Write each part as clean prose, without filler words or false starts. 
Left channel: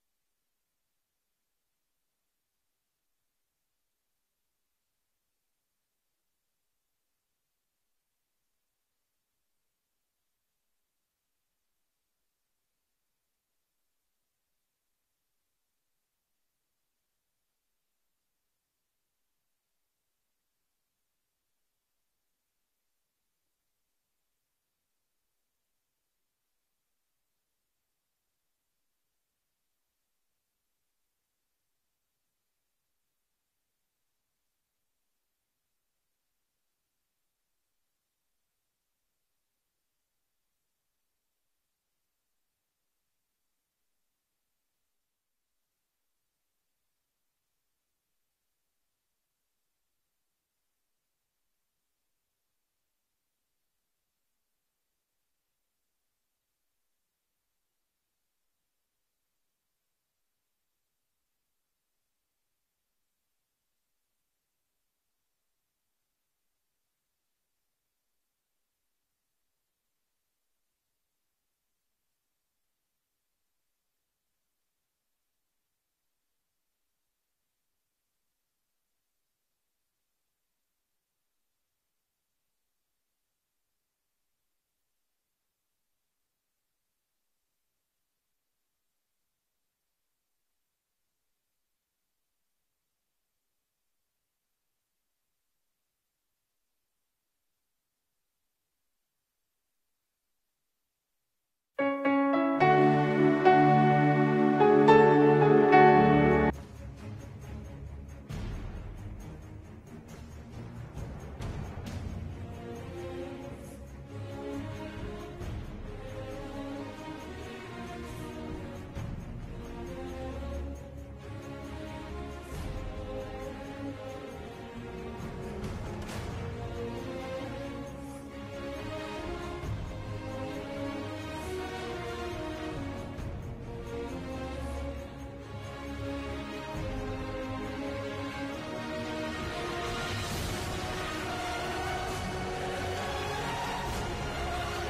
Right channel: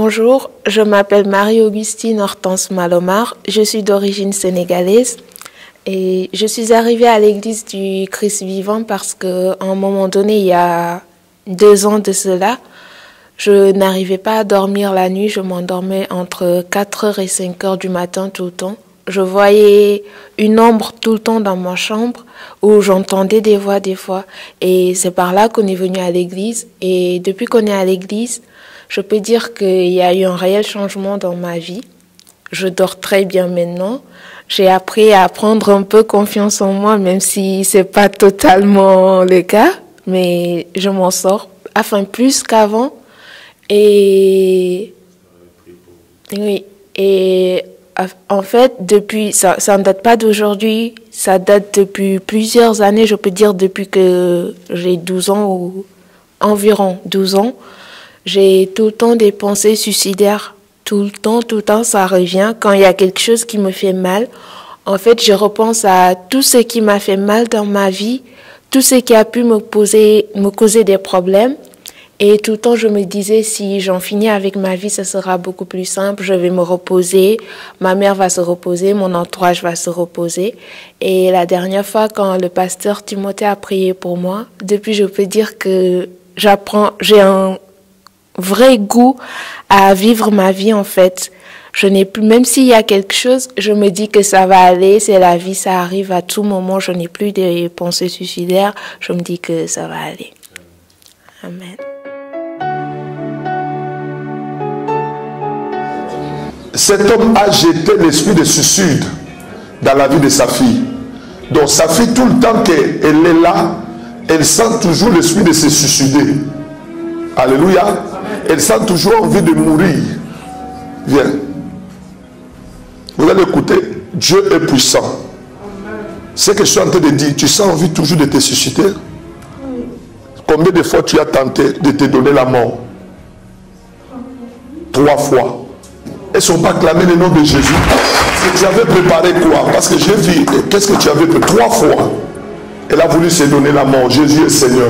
Bonjour, je m'appelle Marie-Augustine Hortense Malomar, je suis d'origine sénégalaise et je suis arrivée à l'église du Christ vivant parce qu'à un moment donné, il y a 2 ans de cela, je n'arrivais pas à dormir la nuit, je m'endormais entre 4h et 5h du matin tout le temps. Je voyais une ombre tout le temps dans ma chambre où j'entendais des voix des fois et c'est par là qu'on est venu à l'église et depuis qu'on est à l'église, je peux dire qu'il y a eu un réel changement dans ma vie. Je dors très bien maintenant. J'ai appris à prendre un peu confiance en moi, même si c'est pas totalement le cas, mais je m'en sors, enfin plus qu'avant. Et oui, et en fait, depuis, ça ne date pas d'aujourd'hui, ça date depuis plusieurs années, je peux dire depuis que j'ai 12 ans ou environ 12 ans. J'ai tout le temps des pensées suicidaires. Tout le temps, ça revient. Quand il y a quelque chose qui me fait mal, en fait, je repense à tout ce qui m'a fait mal dans ma vie, tout ce qui a pu me causer des problèmes. Et tout le temps, je me disais, si j'en finis avec ma vie, ce sera beaucoup plus simple. Je vais me reposer, ma mère va se reposer, mon entourage va se reposer. Et la dernière fois, quand le pasteur Timothée a prié pour moi, depuis, je peux dire que j'ai un vrai goût à vivre ma vie en fait. Je n'ai plus, même s'il y a quelque chose, je me dis que ça va aller, c'est la vie, ça arrive à tout moment, je n'ai plus de pensées suicidaires, je me dis que ça va aller. Amen. Cet homme a jeté l'esprit de suicide dans la vie de sa fille. Donc sa fille, tout le temps qu'elle est là, elle sent toujours l'esprit de se suicider. Alléluia. Elle sent toujours envie de mourir. Viens. Vous allez écouter. Dieu est puissant. Ce que je suis en train de dire, tu sens envie toujours de te susciter. Combien de fois tu as tenté de te donner la mort? 3 fois. Elles ne sont pas clamées le nom de Jésus. Tu avais préparé quoi? Parce que j'ai vu, qu'est-ce que tu avais préparé? 3 fois. Elle a voulu se donner la mort. Jésus est Seigneur.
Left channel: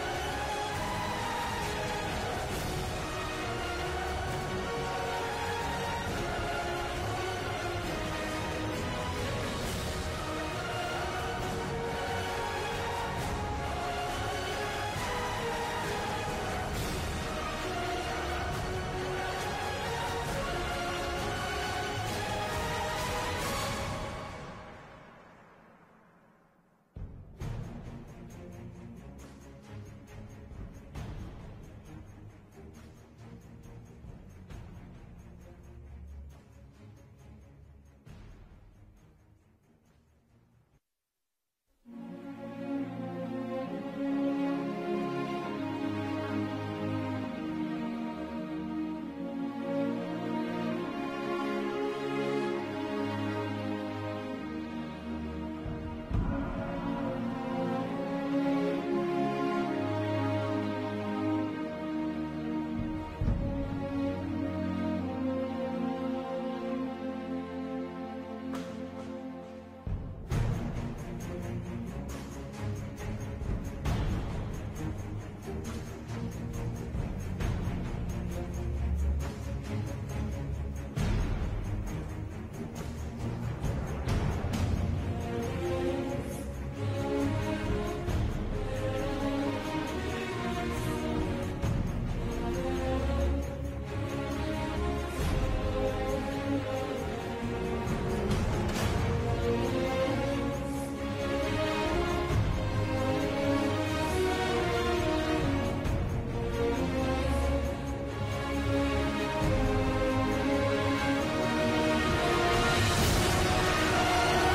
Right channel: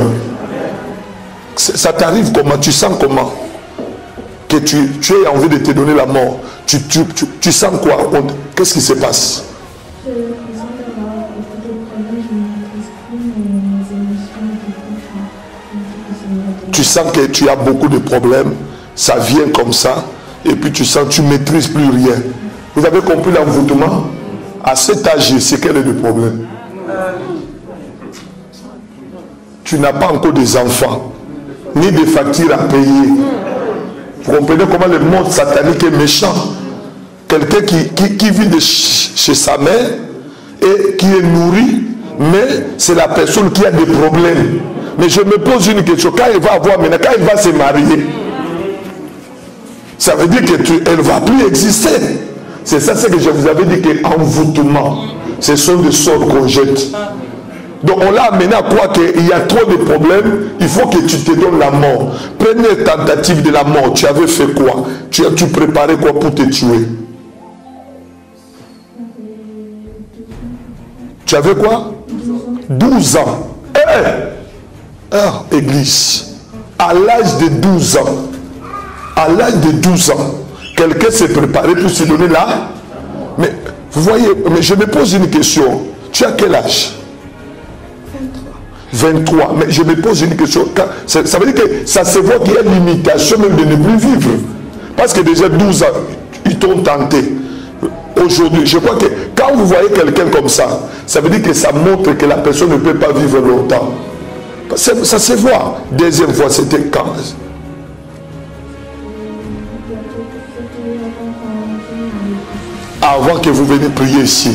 Ça t'arrive comment? Tu sens comment? Que tu as envie de te donner la mort. Tu sens quoi? Qu'est-ce qui se passe? Tu sens que tu as beaucoup de problèmes. Ça vient comme ça. Et puis tu sens que tu ne maîtrises plus rien. Vous avez compris l'envoûtement? À cet âge, c'est quel est le problème? Tu n'as pas encore des enfants, ni des factures à payer. Vous comprenez comment le monde satanique est méchant? Quelqu'un qui vit de chez sa mère et qui est nourri, mais c'est la personne qui a des problèmes. Mais je me pose une question, quand elle va avoir maintenant, quand elle va se marier, ça veut dire qu'elle ne va plus exister. C'est ça ce que je vous avais dit, qu'envoûtement, ce sont des sorts qu'on jette. Donc on l'a amené à croire qu'il y a trop de problèmes, il faut que tu te donnes la mort. Première tentative de la mort, tu avais fait quoi? Tu préparais quoi pour te tuer? Tu avais quoi? 12 ans. Église. À l'âge de 12 ans. À l'âge de 12 ans. Quelqu'un s'est préparé pour se donner là. Mais vous voyez, mais je me pose une question. Tu as quel âge? 23. Mais je me pose une question. Ça veut dire que ça se voit qu'il y a une limitation même de ne plus vivre. Parce que déjà 12 ans, ils t'ont tenté. Aujourd'hui, je crois que quand vous voyez quelqu'un comme ça, ça veut dire que ça montre que la personne ne peut pas vivre longtemps. Ça se voit. Deuxième fois, c'était quand? Avant que vous veniez prier ici,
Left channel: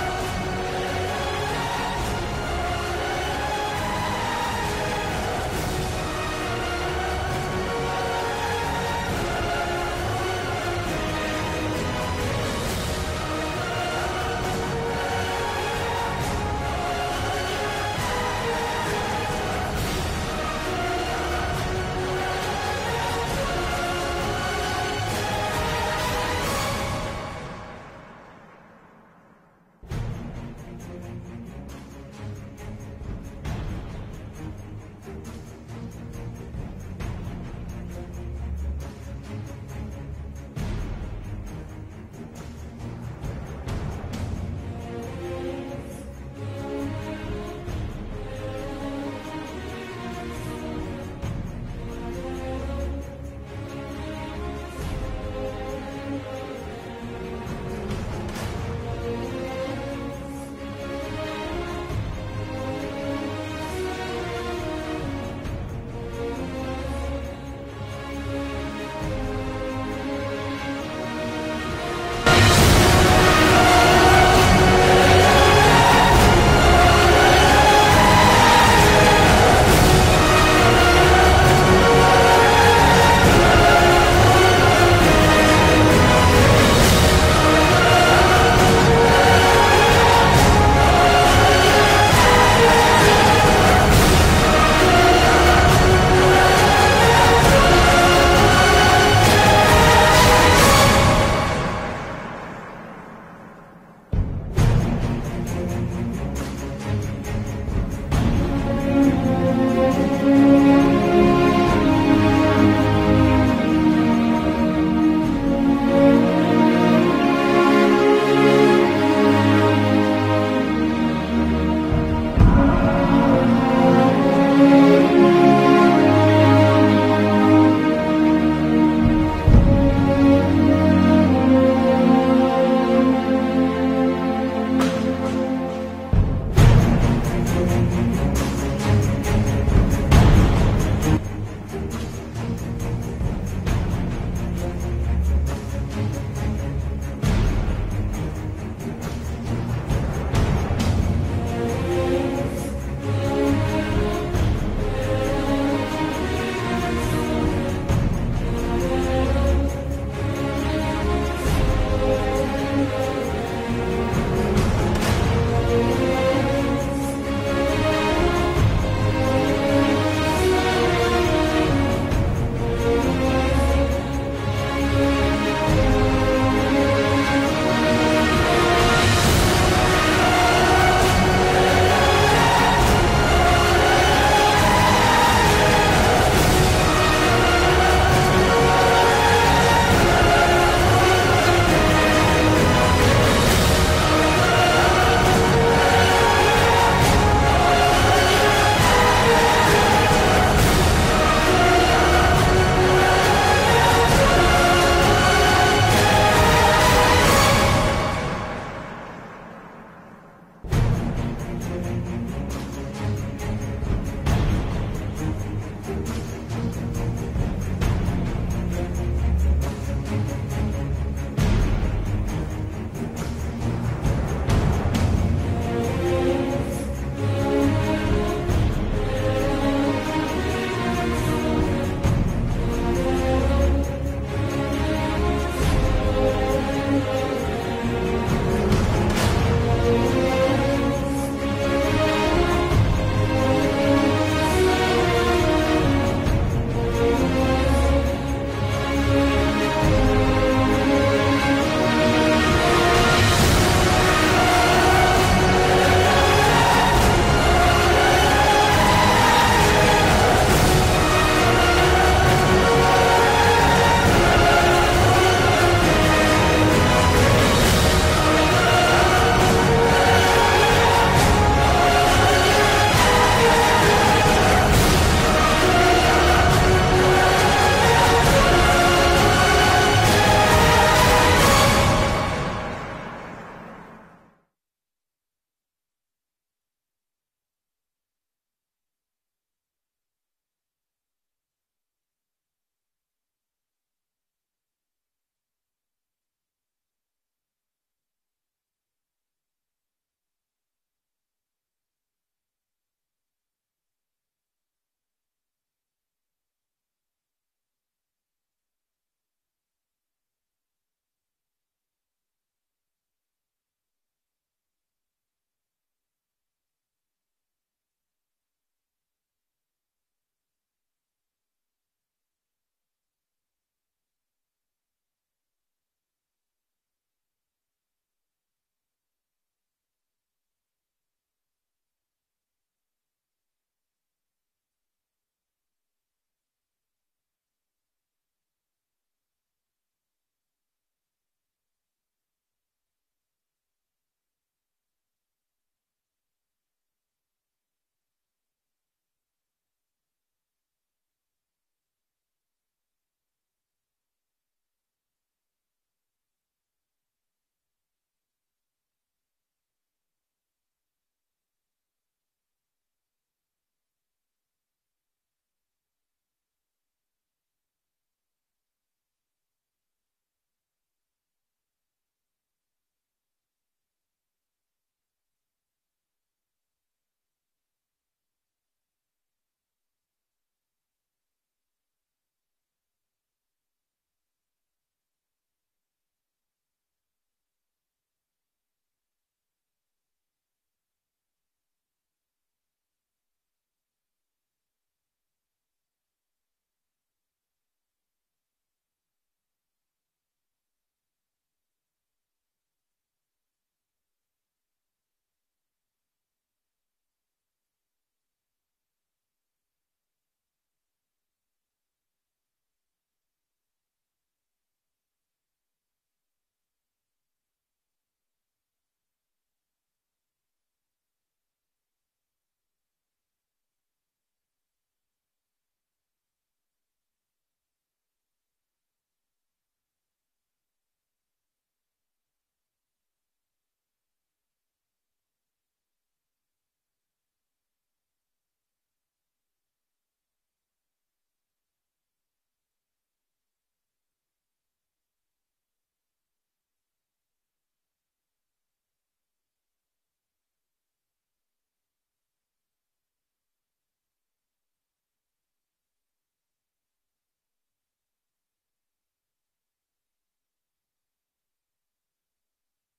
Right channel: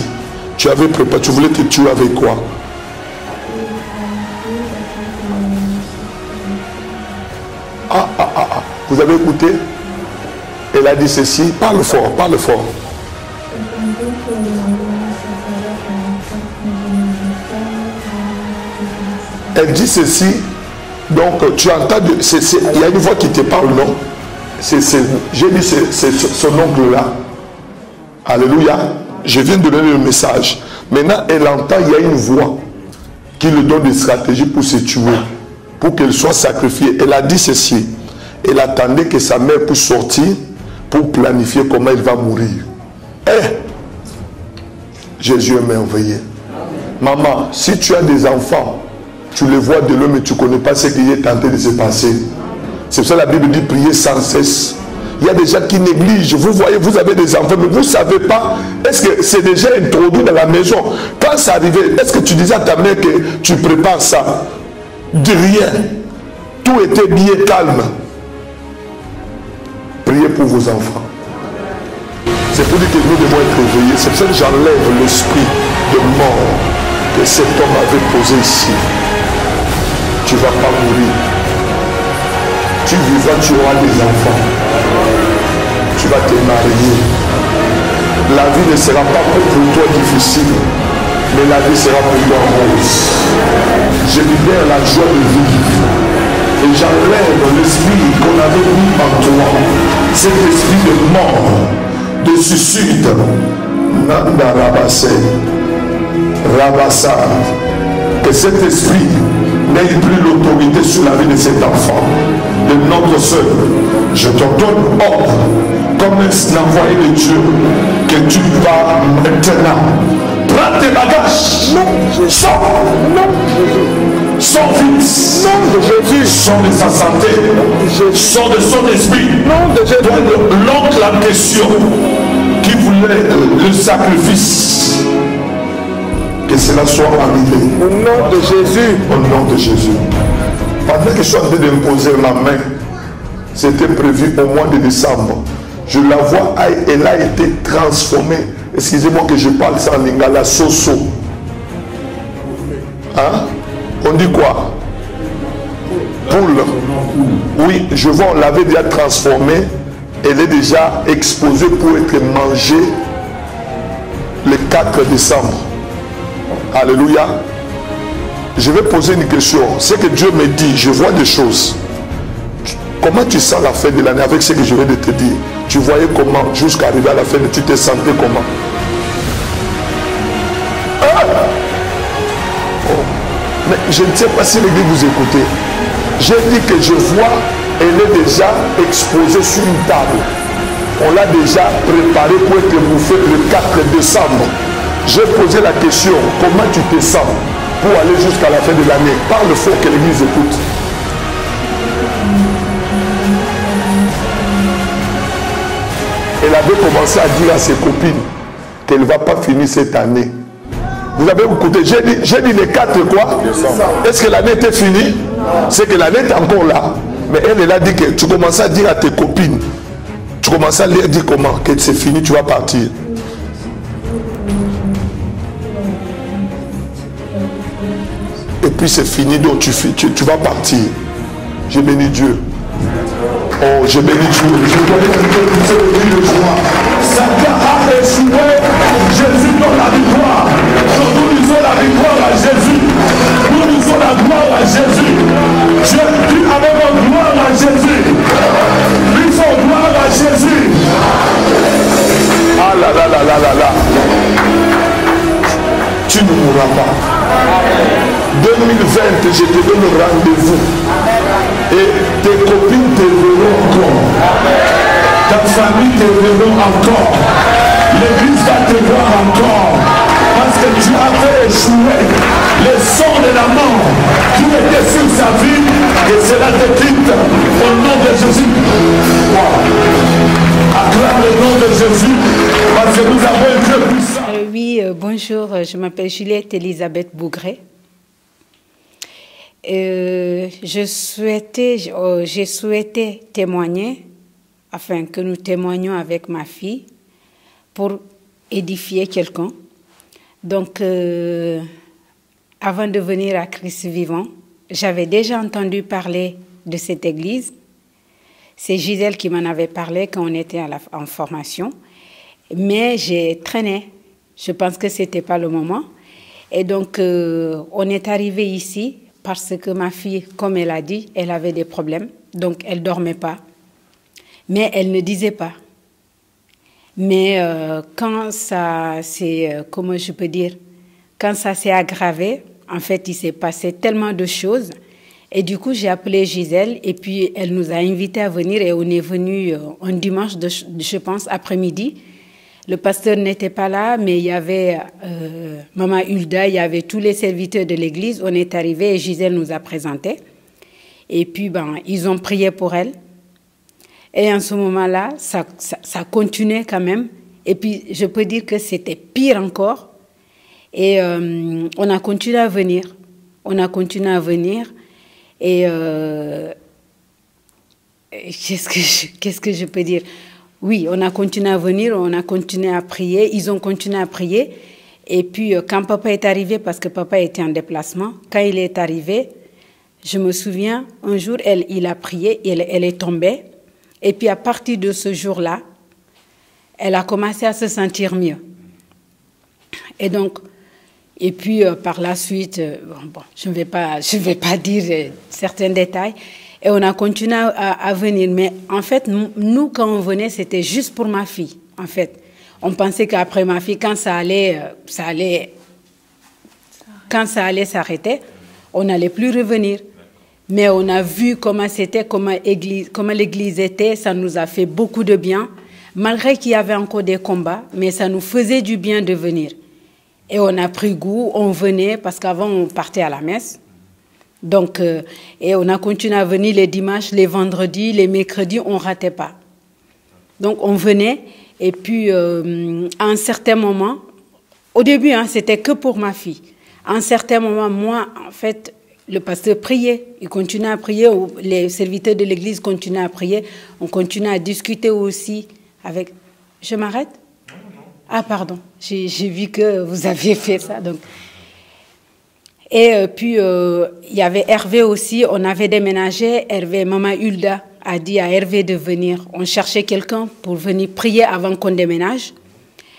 tu avais préparé, tu voulais te tuer avec quoi? Vous avez écouté? Elle a dit ceci. Parle fort, parle fort. Elle dit ceci. Donc tu entends, il y a une voix qui te parle, non? J'ai dit c'est son oncle là. Alléluia. Je viens de donner le message. Maintenant, elle entend, il y a une voix qui lui donne des stratégies pour se tuer, pour qu'elle soit sacrifiée. Elle a dit ceci. Elle attendait que sa mère puisse sortir pour planifier comment il va mourir. Jésus est merveilleux. Maman, si tu as des enfants, tu les vois de loin, mais tu ne connais pas ce qui est tenté de se passer. C'est pour ça que la Bible dit prier sans cesse. Il y a des gens qui négligent. Vous voyez, vous avez des enfants, mais vous ne savez pas. Est-ce que c'est déjà introduit dans la maison? Quand ça arrivait, est-ce que tu disais à ta mère que tu prépares ça? De rien. Tout était bien calme. Priez pour vos enfants. C'est pour dire que nous devons être réveillés. C'est pour ça que j'enlève l'esprit de mort que cet homme avait posé ici. Tu ne vas pas mourir. Tu vivras, tu auras des enfants. Tu vas te marier. La vie ne sera pas pour toi difficile, mais la vie sera pour toi heureuse. Je libère la joie de vivre. Et j'enlève l'esprit qu'on avait mis en toi. Cet esprit de mort, de suicide. Nanda Rabassé. Rabassa. Que cet esprit n'ait plus l'autorité sur la vie de cet enfant, de notre soeur. Je te donne ordre, comme un envoyé de Dieu, que tu vas maintenant. Prends tes bagages. Non, sors. Non, sors vite. Non, de Jésus. Sors de sa santé. Non, de sors de son esprit. Non, de Jésus. L'oncle la question qui voulait le sacrifice. Que cela soit arrivé. Au nom de Jésus. Au nom de Jésus. Pendant que je suis en train d'imposer ma main, c'était prévu au mois de décembre. Je la vois, elle a été transformée. Excusez-moi que je parle ça en lingala, soso. Hein? On dit quoi? Poule. Oui, je vois, on l'avait déjà transformée. Elle est déjà exposée pour être mangée le 4 décembre. Alléluia. Je vais poser une question. Ce que Dieu me dit, je vois des choses. Comment tu sens la fin de l'année avec ce que je viens de te dire? Tu voyais comment jusqu'à arriver à la fin, tu te sentais comment? Mais je ne sais pas si l'église vous écoutez. J'ai dit que je vois, elle est déjà exposée sur une table. On l'a déjà préparée pour être bouffée le 4 décembre. J'ai posé la question, comment tu te sens pour aller jusqu'à la fin de l'année? Par le fait que l'église écoute. Elle avait commencé à dire à ses copines qu'elle ne va pas finir cette année. Vous avez écouté, j'ai dit les 4 quoi? Est-ce que l'année était finie? C'est que l'année est encore là. Mais elle a dit que tu commences à dire à tes copines, tu commences à leur dire comment, que c'est fini, tu vas partir. Et puis c'est fini, donc tu vas partir. J'ai béni Dieu. Oh, j'ai béni Dieu. Je connais le joie. Satan a échoué. Jésus donne la victoire. Nous disons la victoire à Jésus. Nous disons la gloire à Jésus. Je dis avec la gloire à Jésus. Disons gloire à Jésus. Ah là là là là là là. Tu ne mourras pas. 2020, je te donne rendez-vous. Et tes copines te verront encore. Ta famille te verront encore. L'église va te voir encore. Parce que tu avais échoué le sang de la mort qui était sur sa vie. Et cela te quitte au nom de Jésus. Acclame le nom de Jésus. Parce que nous avons un Dieu puissant. Oui, bonjour. Je m'appelle Juliette Elisabeth Bougret. J'ai souhaité témoigner, afin que nous témoignions avec ma fille pour édifier quelqu'un. Donc, avant de venir à Christ vivant, j'avais déjà entendu parler de cette église. C'est Gisèle qui m'en avait parlé quand on était en formation. Mais j'ai traîné. Je pense que ce n'était pas le moment. Et donc, on est arrivé ici. Parce que ma fille, comme elle a dit, elle avait des problèmes. Donc, elle ne dormait pas. Mais elle ne disait pas. Mais quand ça s'est, comment je peux dire, quand ça s'est aggravé, en fait, il s'est passé tellement de choses. Et du coup, j'ai appelé Gisèle et puis elle nous a invités à venir et on est venu un dimanche, je pense, après-midi. Le pasteur n'était pas là, mais il y avait Maman Hulda, il y avait tous les serviteurs de l'église. On est arrivés et Gisèle nous a présentés. Et puis, ils ont prié pour elle. Et en ce moment-là, ça continuait quand même. Et puis, je peux dire que c'était pire encore. Et on a continué à venir. On a continué à venir. Et qu'est-ce que je peux dire? Oui, on a continué à venir, on a continué à prier. Ils ont continué à prier. Et puis, quand papa est arrivé, parce que papa était en déplacement, quand il est arrivé, je me souviens, un jour, il a prié, elle est tombée. Et puis, à partir de ce jour-là, elle a commencé à se sentir mieux. Et donc, par la suite, je ne vais pas dire certains détails. Et on a continué à venir. Mais en fait, nous, quand on venait, c'était juste pour ma fille. En fait, on pensait qu'après ma fille, quand ça allait s'arrêter, on n'allait plus revenir. Mais on a vu comment c'était, comment l'église était. Ça nous a fait beaucoup de bien. Malgré qu'il y avait encore des combats, mais ça nous faisait du bien de venir. Et on a pris goût, on venait, parce qu'avant, on partait à la messe. Donc, et on a continué à venir les dimanches, les vendredis, les mercredis, on ne ratait pas. Donc, on venait, et puis, à un certain moment, au début, c'était que pour ma fille. À un certain moment, moi, en fait, le pasteur priait. Il continuait à prier, les serviteurs de l'église continuaient à prier. On continuait à discuter aussi avec... Je m'arrête? Ah, pardon, j'ai vu que vous aviez fait ça. Donc. Et puis, il y avait Hervé aussi, on avait déménagé. Hervé, Maman Hulda a dit à Hervé de venir. On cherchait quelqu'un pour venir prier avant qu'on déménage.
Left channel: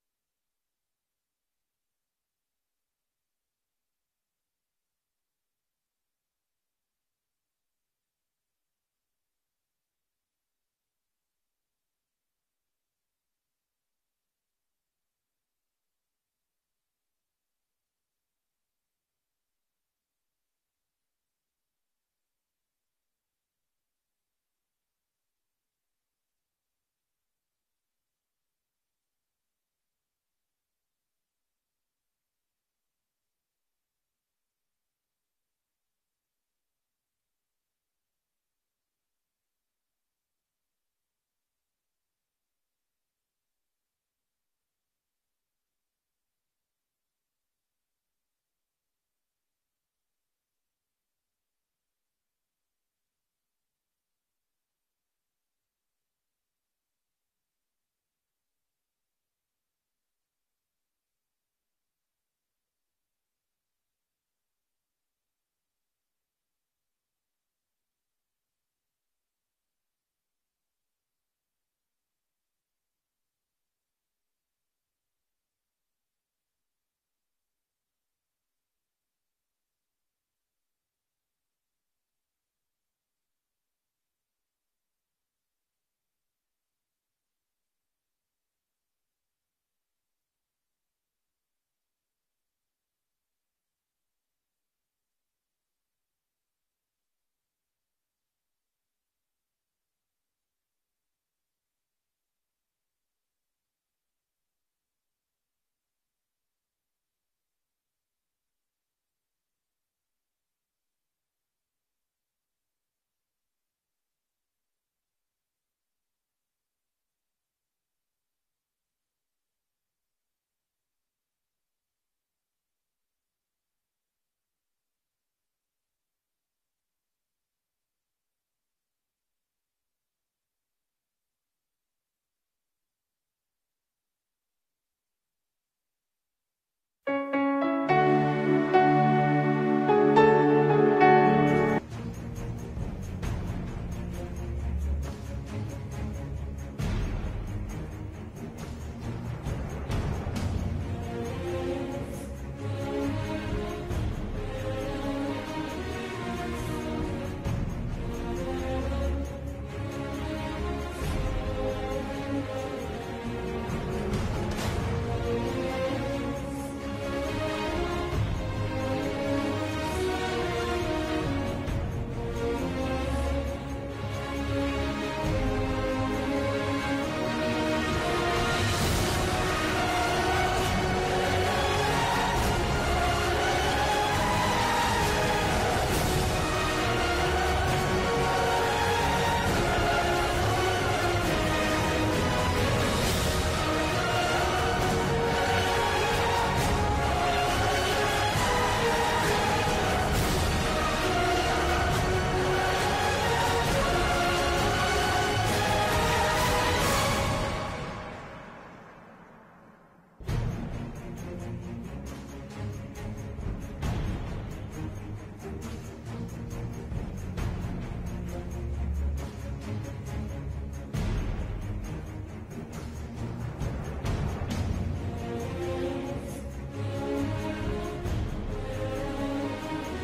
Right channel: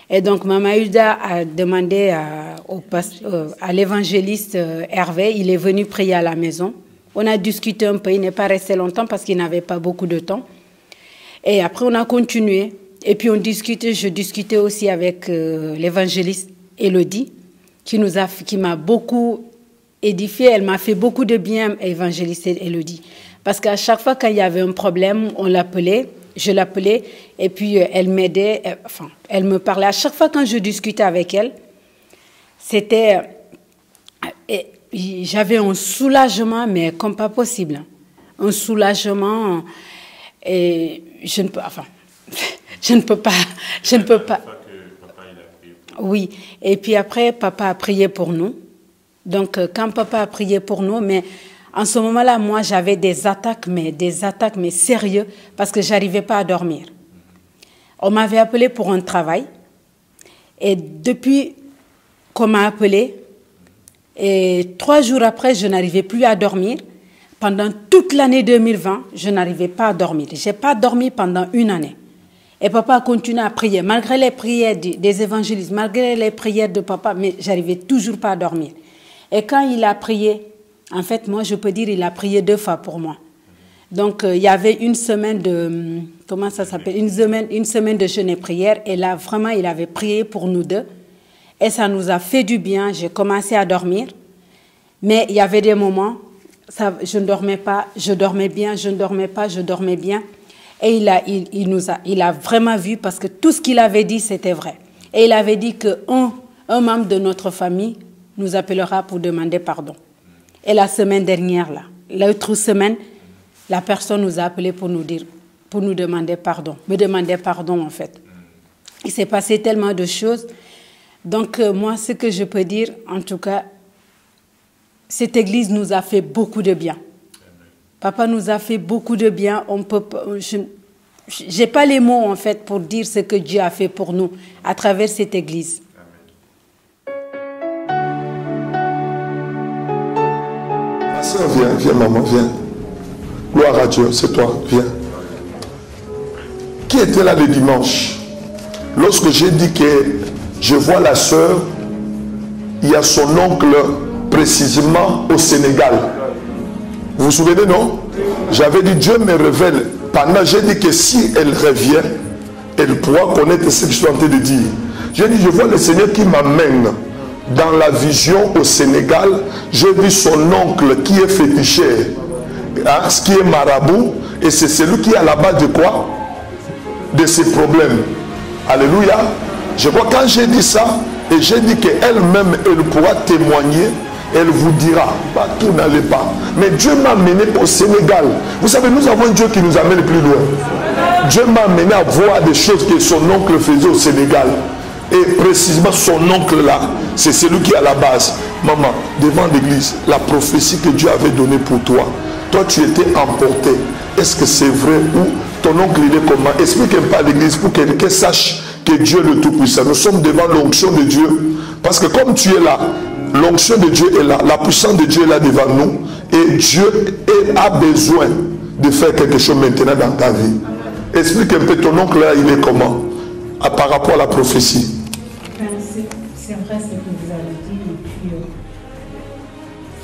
Et donc, Maman Hulda a demandé à l'évangéliste Hervé, il est venu prier à la maison. On a discuté un peu, il n'est pas resté longtemps parce qu'il n'avait pas beaucoup de temps. Et après, on a continué. Et puis, je discutais aussi avec l'évangéliste Élodie, qui m'a beaucoup édifiée. Elle m'a fait beaucoup de bien, évangéliste Élodie. Parce qu'à chaque fois qu'il y avait un problème, je l'appelais, et puis elle m'aidait, elle me parlait. À chaque fois quand je discutais avec elle, j'avais un soulagement, mais comme pas possible. Un soulagement, et je ne peux pas. Oui, et puis après, papa a prié pour nous. Donc, quand papa a prié pour nous, mais en ce moment-là, moi, j'avais des attaques, mais sérieuses, parce que je n'arrivais pas à dormir. On m'avait appelé pour un travail, et depuis qu'on m'a appelé, et 3 jours après, je n'arrivais plus à dormir. Pendant toute l'année 2020, je n'arrivais pas à dormir. Je n'ai pas dormi pendant 1 année. Et papa a continué à prier, malgré les prières des évangélistes, malgré les prières de papa, mais je n'arrivais toujours pas à dormir. Et quand il a prié, en fait, moi, je peux dire, il a prié 2 fois pour moi. Donc, il y avait une semaine de, comment ça s'appelle, une semaine de jeûne et prière. Et là, vraiment, il avait prié pour nous 2. Et ça nous a fait du bien. J'ai commencé à dormir. Mais il y avait des moments, je ne dormais pas, je dormais bien, je ne dormais pas, je dormais bien. Et il a vraiment vu, parce que tout ce qu'il avait dit, c'était vrai. Et il avait dit qu'un membre de notre famille nous appellera pour demander pardon. Et la semaine dernière, l'autre semaine, la personne nous a appelé pour nous demander pardon. Me demander pardon, en fait. Il s'est passé tellement de choses. Donc, moi, ce que je peux dire, en tout cas, cette église nous a fait beaucoup de bien. Papa nous a fait beaucoup de bien. Je n'ai pas les mots, en fait, pour dire ce que Dieu a fait pour nous à travers cette église. Viens, maman, viens. Gloire à Dieu, c'est toi, viens. Qui était là le dimanche? Lorsque j'ai dit que je vois la sœur, il y a son oncle précisément au Sénégal. Vous vous souvenez, non? J'avais dit, Dieu me révèle. Pendant, j'ai dit que si elle revient, elle pourra connaître ce que je suis en train de dire. J'ai dit, je vois le Seigneur qui m'amène dans la vision au Sénégal. J'ai vu son oncle qui est féticheur. hein, ce qui est marabout, et c'est celui qui est à la base de quoi? De ses problèmes. Alléluia. Je vois quand j'ai dit ça, et j'ai dit qu'elle-même, elle pourra témoigner, elle vous dira, bah, tout n'allait pas. Mais Dieu m'a amené au Sénégal. Vous savez, nous avons un Dieu qui nous amène plus loin. Dieu m'a amené à voir des choses que son oncle faisait au Sénégal. Et précisément son oncle là, c'est celui qui est à la base. Maman, devant l'église, la prophétie que Dieu avait donnée pour toi, toi tu étais emporté. Est-ce que c'est vrai ou ton oncle il est comment? Explique-moi pas à l'église pour qu'elle sache que Dieu est le Tout-Puissant. Nous sommes devant l'onction de Dieu. Parce que comme tu es là, l'onction de Dieu est là, la puissance de Dieu est là devant nous. Et Dieu a besoin de faire quelque chose maintenant dans ta vie. Explique un peu ton oncle là, il est comment par rapport à la prophétie. C'est vrai ce que vous avez dit.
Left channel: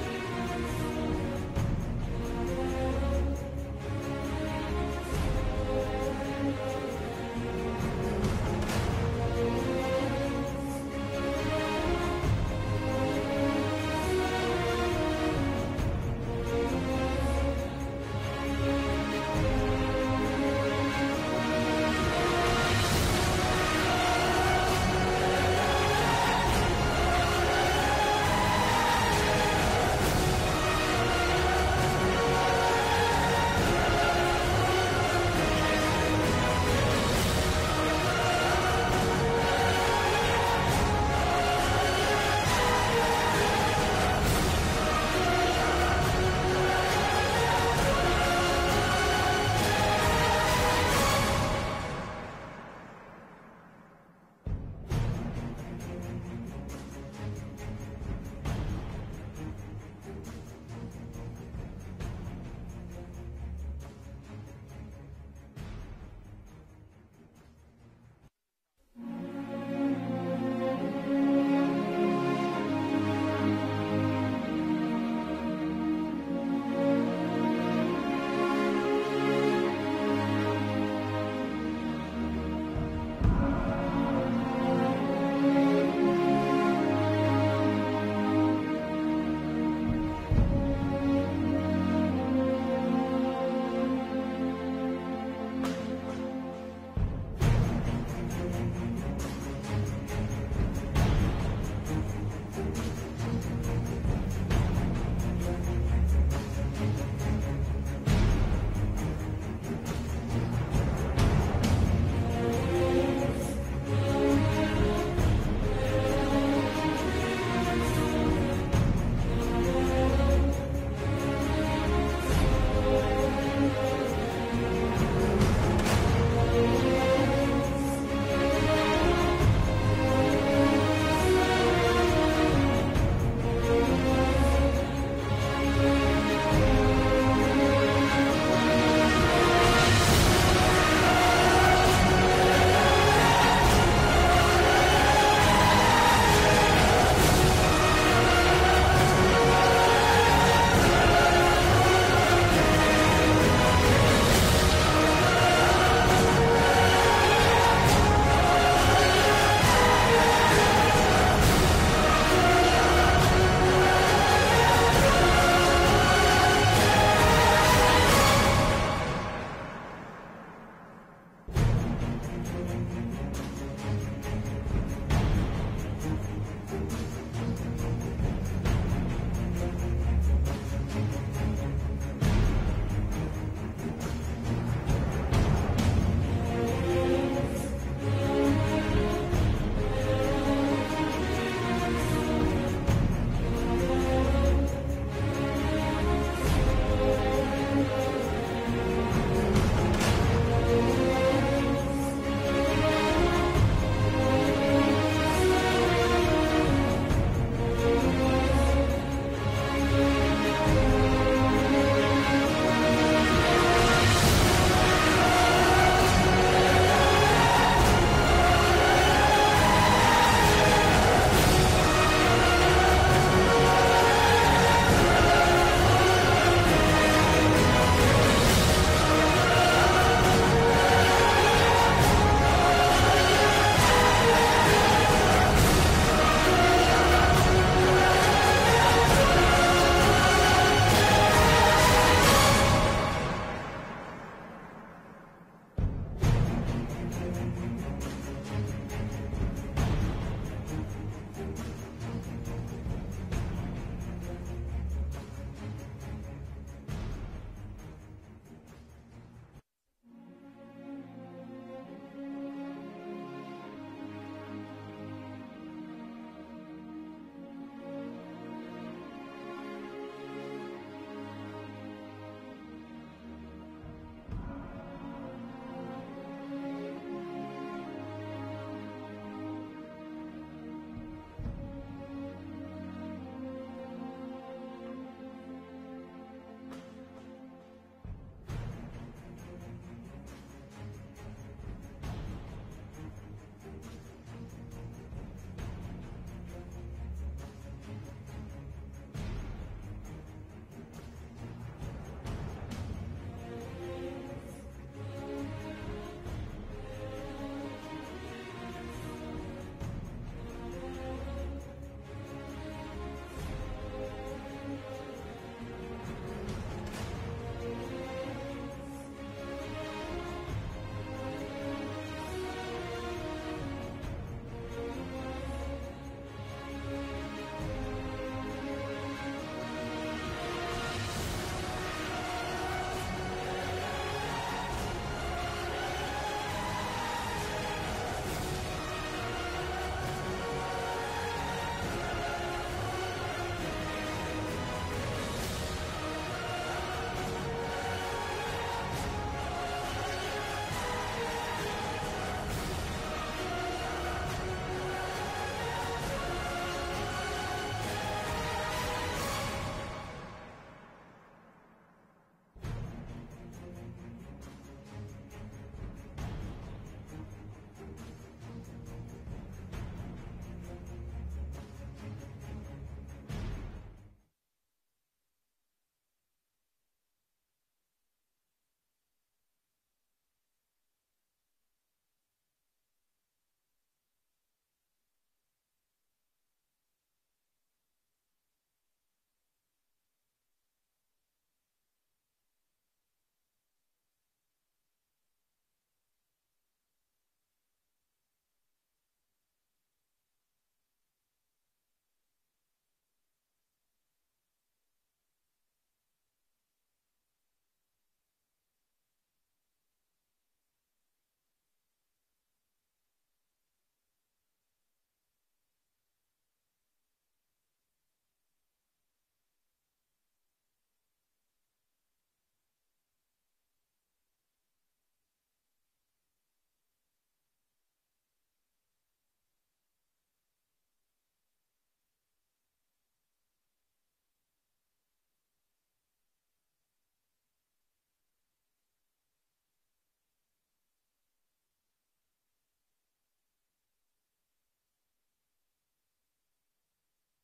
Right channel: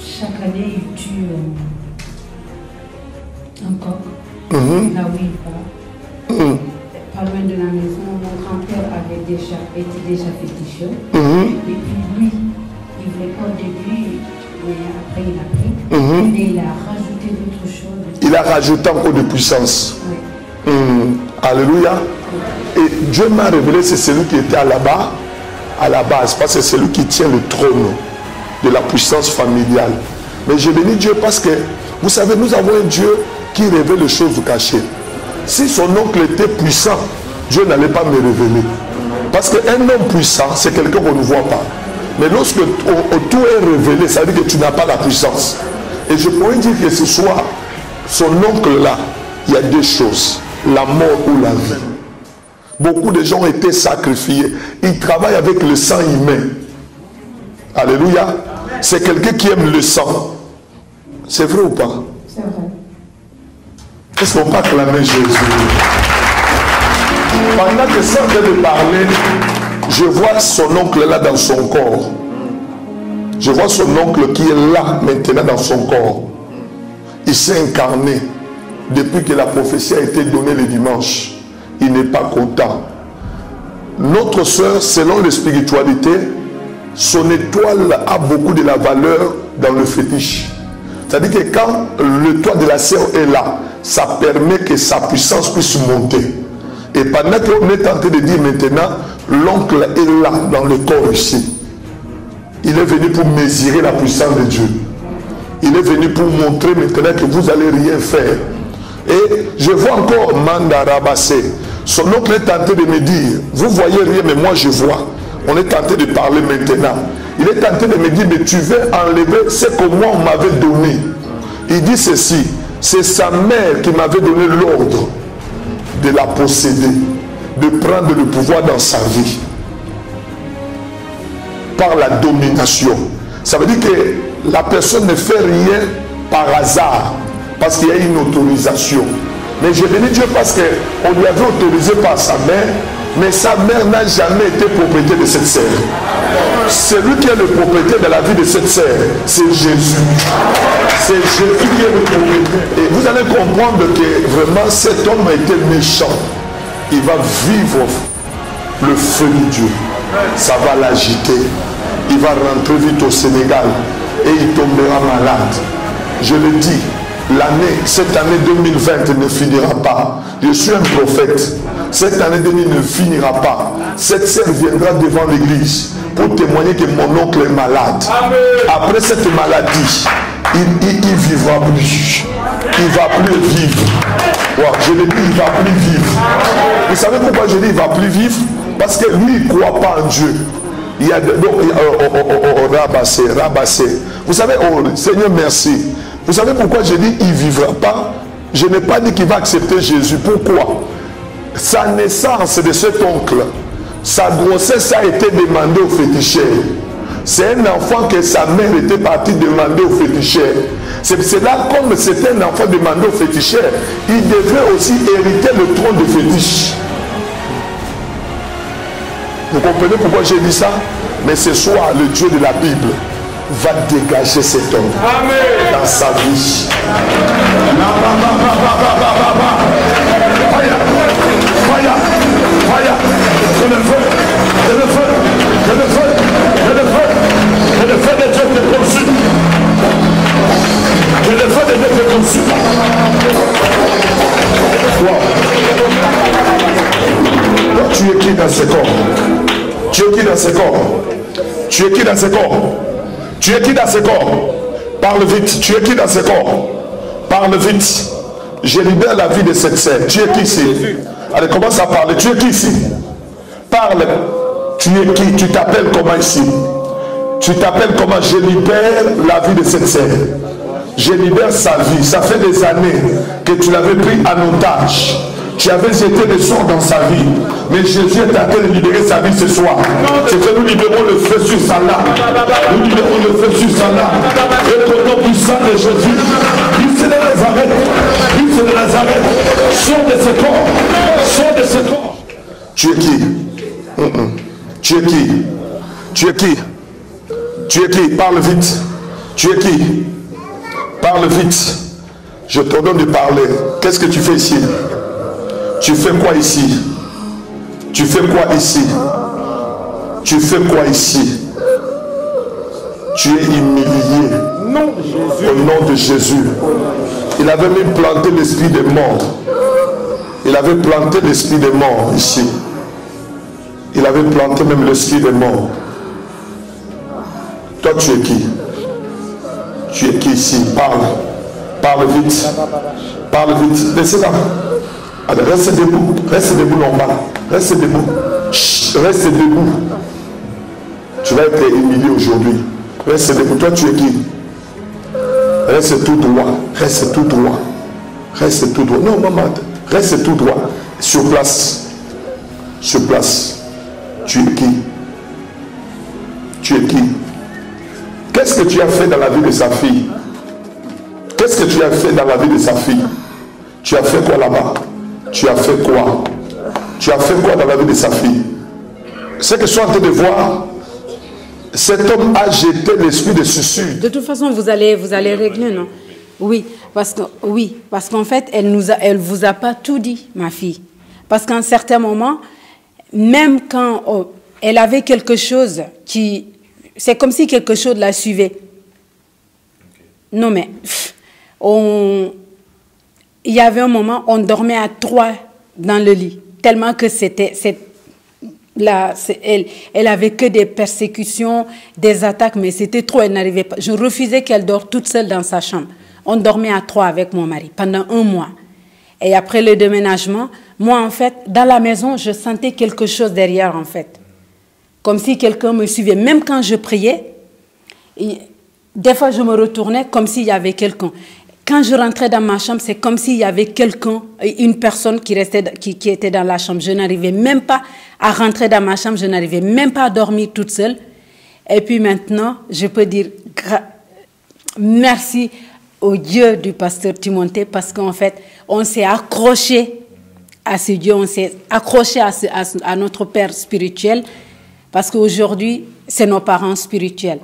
Chaque année, il tue un coq. Là où il va. Pas loin de la maison, mon grand-père avait déjà féticheux. Et puis lui, il voulait pas de lui, après il a pris. Et il a rajouté d'autres choses. Il a rajouté encore de puissance. Oui. Alléluia. Et Dieu m'a révélé, c'est celui qui était à la base, parce que c'est celui qui tient le trône de la puissance familiale. Mais je bénis Dieu parce que, vous savez, nous avons un Dieu qui révèle les choses cachées. Si son oncle était puissant, Dieu n'allait pas me révéler. Parce qu'un homme puissant, c'est quelqu'un qu'on ne voit pas. Mais lorsque tout est révélé, ça veut dire que tu n'as pas la puissance. Et je pourrais dire que ce soir, son oncle là, il y a deux choses, la mort ou la vie. Beaucoup de gens ont été sacrifiés. Ils travaillent avec le sang humain. Alléluia. C'est quelqu'un qui aime le sang. C'est vrai ou pas? C'est vrai. Est-ce qu'on peut acclamer Jésus? Pendant que ça vient de parler, je vois son oncle là dans son corps. Je vois son oncle qui est là maintenant dans son corps. Il s'est incarné depuis que la prophétie a été donnée le dimanche. Il n'est pas content. Notre soeur, selon la spiritualité, son étoile a beaucoup de la valeur dans le fétiche. C'est-à-dire que quand le toit de la sœur est là, ça permet que sa puissance puisse monter. Et pendant qu'on est tenté de dire maintenant, l'oncle est là dans le corps ici. Il est venu pour mesurer la puissance de Dieu. Il est venu pour montrer maintenant que vous n'allez rien faire. Et je vois encore Manda Rabassé. Son oncle est tenté de me dire, vous voyez rien, mais moi je vois. On est tenté de parler maintenant. Il est tenté de me dire, mais tu veux enlever ce que moi on m'avait donné. Il dit ceci, c'est sa mère qui m'avait donné l'ordre de la posséder, de prendre le pouvoir dans sa vie. Par la domination. Ça veut dire que la personne ne fait rien par hasard, parce qu'il y a une autorisation. Mais je bénis Dieu parce qu'on lui avait autorisé par sa mère, mais sa mère n'a jamais été propriétaire de cette sœur. Celui qui est le propriétaire de la vie de cette sœur, c'est Jésus. C'est Jésus qui est le propriétaire. Et vous allez comprendre que vraiment cet homme a été méchant. Il va vivre le feu de Dieu. Ça va l'agiter. Il va rentrer vite au Sénégal et il tombera malade. Je le dis. Cette année 2020 ne finira pas. Je suis un prophète. Cette année 2020 ne finira pas. Cette sœur viendra devant l'église pour témoigner que mon oncle est malade. Amen. Après cette maladie, il vivra plus. Il ne va plus vivre. Wow, je le dis, il ne va plus vivre. Vous savez pourquoi je dis il ne va plus vivre? Parce que lui, il ne croit pas en Dieu. Il y a rabassé. Vous savez, Seigneur, merci. Vous savez pourquoi je dis il ne vivra pas? Je n'ai pas dit qu'il va accepter Jésus. Pourquoi? Sa naissance de cet oncle, sa grossesse a été demandée au féticheur. C'est un enfant que sa mère était partie demander au féticheur. C'est là, comme c'était un enfant demandé au féticheur, il devait aussi hériter le trône de fétiche. Vous comprenez pourquoi j'ai dit ça? Mais ce soir, le Dieu de la Bible va dégager cet homme. Amen. Dans sa vie. Le feu de Dieu te consume. ces corps? Tu es qui dans ces corps? Tu es qui dans ces corps? Tu es qui dans ces corps? Parle vite. Tu es qui dans ces corps? Parle vite. Je libère la vie de cette sœur. Tu es qui ici? Allez, commence à parler. Tu es qui ici? Parle. Tu es qui? Tu t'appelles comment ici? Tu t'appelles comment? Je libère la vie de cette sœur. Je libère sa vie. Ça fait des années que tu l'avais pris en otage. Tu avais jeté le sort dans sa vie. Mais Jésus est en train de libérer sa vie ce soir. C'est que nous libérons le feu sur sa lame. Nous libérons le feu sur sa lame. Et au nom puissant de Jésus, Christ de Nazareth, Christ de Nazareth, sors de ce corps. Sors de ce corps. Tu es qui? Tu es qui? Tu es qui? Tu es qui? Parle vite. Tu es qui? Parle vite. Je te donne de parler. Qu'est-ce que tu fais ici? Tu fais quoi ici? Tu fais quoi ici? Tu fais quoi ici? Tu es humilié. Non, au nom de Jésus. Il avait même planté l'esprit des morts. Il avait planté l'esprit des morts ici. Il avait planté même l'esprit des morts. Toi, tu es qui? Tu es qui ici? Parle. Parle vite. Parle vite. Laissez-la. Allez, reste debout. Reste debout, normal. Reste debout. Chut, reste debout. Tu vas être humilié aujourd'hui. Reste debout. Toi, tu es qui? Reste tout droit. Reste tout droit. Reste tout droit. Non, maman. Reste tout droit. Sur place. Sur place. Tu es qui? Tu es qui? Qu'est-ce que tu as fait dans la vie de sa fille? Qu'est-ce que tu as fait dans la vie de sa fille? Tu as fait quoi là-bas? Tu as fait quoi? Tu as fait quoi dans la vie de sa fille? Ce que je suis en train de voir, cet homme a jeté l'esprit de suicide. De toute façon, vous allez régler, non? Oui, parce qu'en fait, elle vous a pas tout dit, ma fille. Parce qu'à un certain moment, même quand elle avait quelque chose qui... C'est comme si quelque chose la suivait. Non, mais... Il y avait un moment, on dormait à 3 dans le lit. Tellement que elle avait que des persécutions, des attaques, mais c'était trop, elle n'arrivait pas. Je refusais qu'elle dort toute seule dans sa chambre. On dormait à 3 avec mon mari pendant 1 mois. Et après le déménagement, moi, en fait, dans la maison, je sentais quelque chose derrière, en fait. Comme si quelqu'un me suivait. Même quand je priais, des fois, je me retournais comme s'il y avait quelqu'un. Quand je rentrais dans ma chambre, c'est comme s'il y avait quelqu'un, une personne qui était dans la chambre. Je n'arrivais même pas à rentrer dans ma chambre, je n'arrivais même pas à dormir toute seule. Et puis maintenant, je peux dire merci au Dieu du pasteur Timothée parce qu'en fait, on s'est accroché à ce Dieu, on s'est accroché à notre Père spirituel parce qu'aujourd'hui, c'est nos parents spirituels.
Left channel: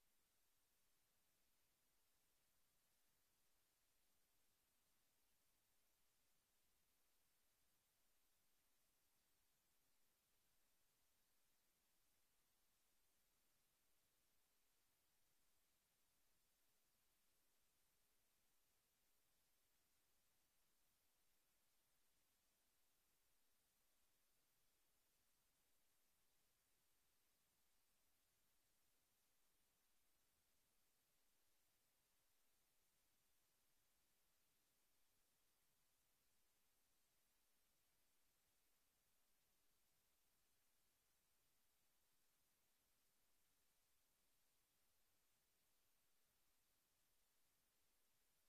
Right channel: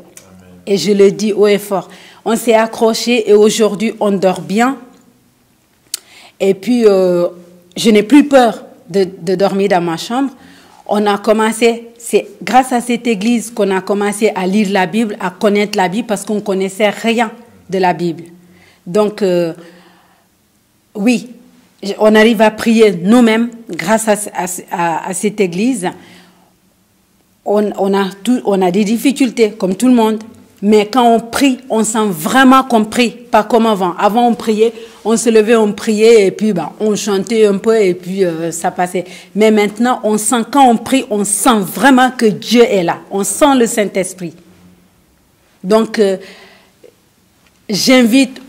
Et je le dis haut et fort. On s'est accroché et aujourd'hui, on dort bien. Et puis, je n'ai plus peur de dormir dans ma chambre. On a commencé, c'est grâce à cette église qu'on a commencé à lire la Bible, à connaître la Bible, parce qu'on ne connaissait rien de la Bible. Donc, oui, on arrive à prier nous-mêmes grâce à cette église. On a des difficultés, comme tout le monde. Mais quand on prie, on sent vraiment qu'on prie, pas comme avant. Avant, on priait, on se levait, on priait, et puis on chantait un peu, et puis ça passait. Mais maintenant, on sent, quand on prie, on sent vraiment que Dieu est là. On sent le Saint-Esprit. Donc, j'invite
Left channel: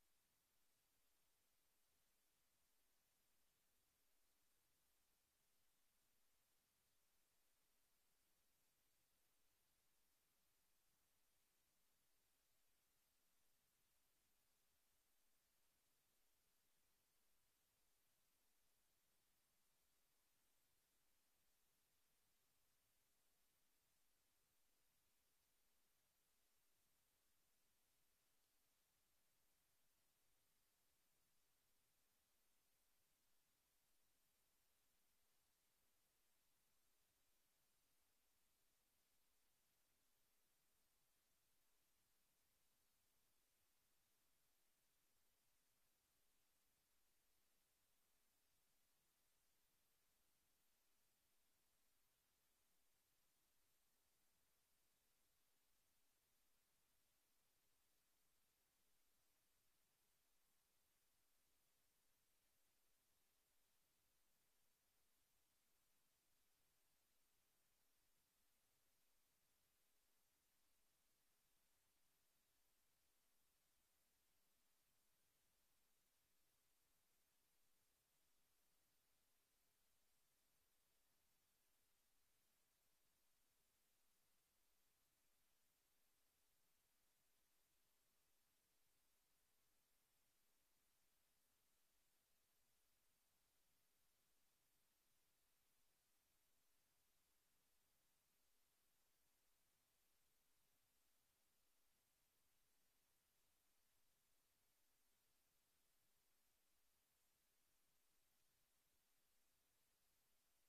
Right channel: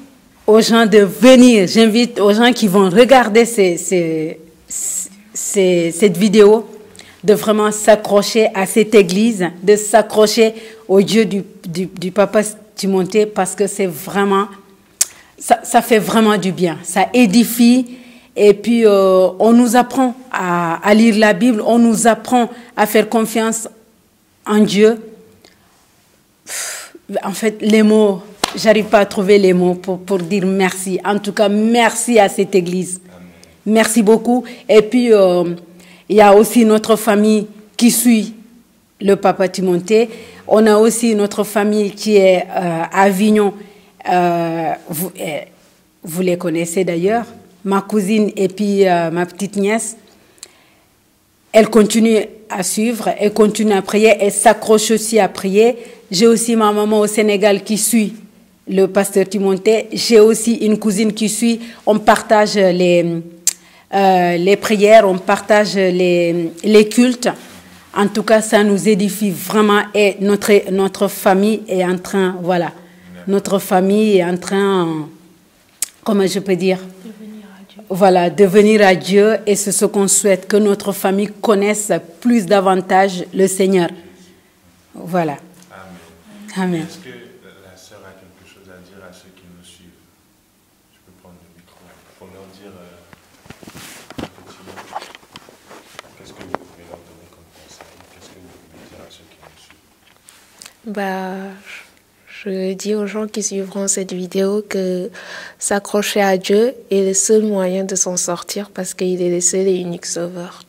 aux gens de venir, j'invite aux gens qui vont regarder cette vidéo, de vraiment s'accrocher à cette église, de s'accrocher au Dieu du papa Timothée, parce que c'est vraiment, ça fait vraiment du bien, ça édifie, et puis on nous apprend à lire la Bible, on nous apprend à faire confiance en Dieu. En fait, les mots, j'arrive pas à trouver les mots pour dire merci. En tout cas, merci à cette église. Merci beaucoup. Et puis, il y a aussi notre famille qui suit le papa Timothée. On a aussi notre famille qui est à Avignon. Vous les connaissez d'ailleurs. Ma cousine et puis ma petite nièce. Elle continue à suivre et continuent à prier et s'accrochent aussi à prier. J'ai aussi ma maman au Sénégal qui suit le pasteur Timothée. J'ai aussi une cousine qui suit. On partage les prières, on partage les cultes. En tout cas, ça nous édifie vraiment et notre famille est en train, voilà, notre famille est en train, comment je peux dire, voilà, de venir à Dieu, et c'est ce qu'on souhaite, que notre famille connaisse plus davantage le Seigneur. Voilà. Amen. Amen. Est-ce que la sœur a quelque chose à dire à ceux qui nous suivent? Je peux prendre le micro pour leur dire un petit mot. Qu'est-ce que vous pouvez leur donner comme conseil? Qu'est-ce que vous pouvez dire à ceux qui nous suivent? Je dis aux gens qui suivront cette vidéo que s'accrocher à Dieu est le seul moyen de s'en sortir parce qu'il est le seul et unique sauveur.